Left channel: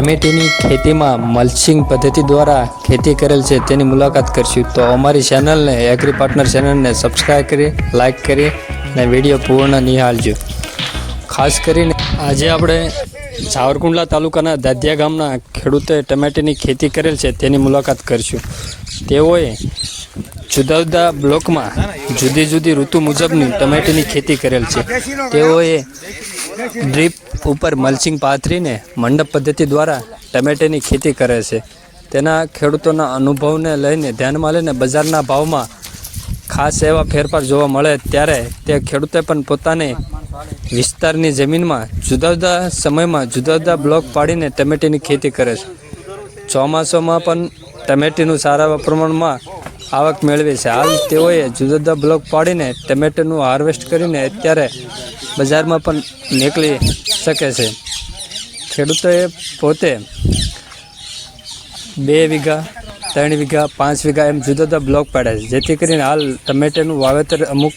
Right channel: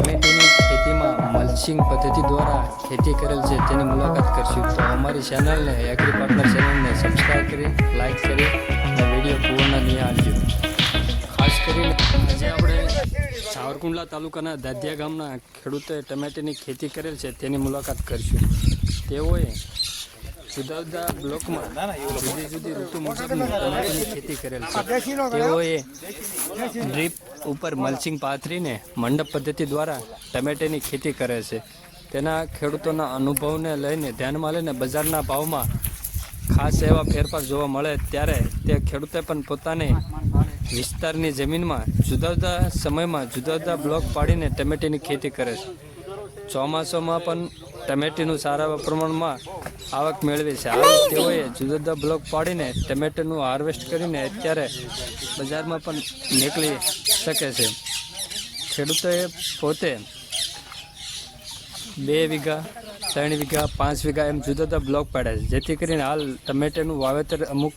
ટામેટીની ખેતીમાં મલ્ચિંગ પદ્ધતિ દ્વારા ખેતી કરેલ છે, તેની મુલાકાત કરશું. તો અમારી ચેનલને એગ્રી પાર્ટનર ચેનલને સબસ્ક્રાઈબ કરી લાઈક કરી અને વીડિયો પૂર્ણ નિહાળજો. ખાસ કરીને આજે આપણે સાવરકુંડલા તાલુકાના દાદિયા ગામના ખેડૂતોએ ટમેટીની ખેતી કરેલ છે, તેની મુલાકાત કરશું. તેઓએ જુદા જુદા બ્લોકમાં જુદી જુદી ઋતુ મુજબની ટમેટીની ખેતી કરેલ છે. તેઓએ ડ્રીપ ઉપર મલ્ચિંગ પાથરીને મંડપ પદ્ધતિ દ્વારા ટમેટાની ખેતી કરે છે. તેના ખેડૂતોના અનુભવને લઈને ધ્યાનમાં લઈને બજારના ભાવમાં ખાસ એવા ફેરફાર જોવા મળે ત્યારે તે ખેડૂતે પણ પોતાની વિસ્તારની જમીનમાં જુદા જુદા સમયમાં જુદા જુદા બ્લોક પાડીને ટમેટીની ખેતી કરે છે. ચોમાસામાં પણ ટમેટીનું સારા પ્રમાણમાં આવક મેળવે છે. હાલ તેઓએ જુદા જુદા બ્લોક પાડીને ટમેટાનું હાર્વેસ્ટ કરીને અત્યારે બજારમાં પણ નીકળી શકે છે. ખેડૂતોએ પોતે બે વીઘા, ત્રણ વીઘા, પાંચ વીઘા એમ જુદા જુદા બ્લોક પાડે છે. જેથી કરીને હાલ ટમેટાનું વાવેતર અમુક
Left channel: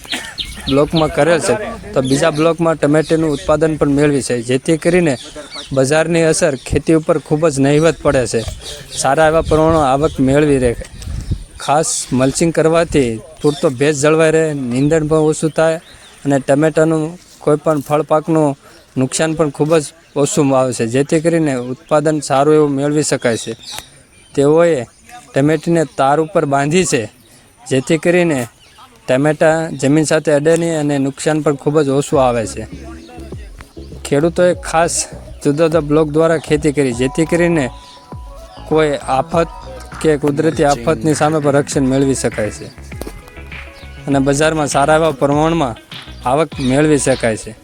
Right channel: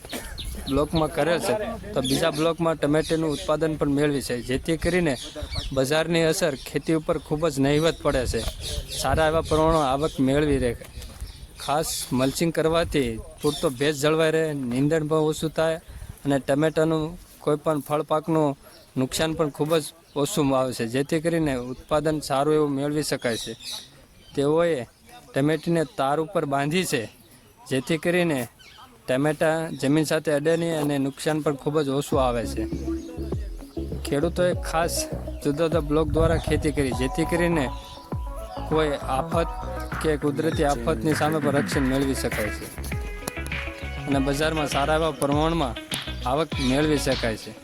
બ્લોકમાં કરેલ છે. તો બીજા બ્લોકમાં ટમેટાનું ઉત્પાદન પણ મેળવી છે. જેથી કરીને બજારની અસર ખેતી ઉપર ખૂબ જ નહિવત પડે છે. સારા એવા પ્રમાણમાં આવક મેળવી રહે. ખાસ મલ્ચિંગ કરવાથી પૂરતો ભેજ જળવાઈ રહે, નીંદણ પણ ઓછું થાય અને ટમેટાનું કોઈ પણ ફળ પાકનું નુકસાન પણ ખૂબ જ ઓછું આવે છે. જેથી કરીને ઉત્પાદન સારું એવું મેળવી શકાય છે. તેઓએ ટમેટીને તાર ઉપર બાંધી છે. જેથી કરીને ટમેટા જમીન સાથે અડે નહીં અને નુકસાન પણ ખૂબ જ ઓછું આવે છે. ખેડૂતોએ ખાસ જુદા જુદા બ્લોક દ્વારા ખેતી કરી. જેથી કરીને કોઈ આફત કે કુદરતી આફતની સામે પણ રક્ષણ મેળવી શકાય છે. અને બજારમાં સારા એવા પ્રમાણમાં આવક મેળવી શકાય છે.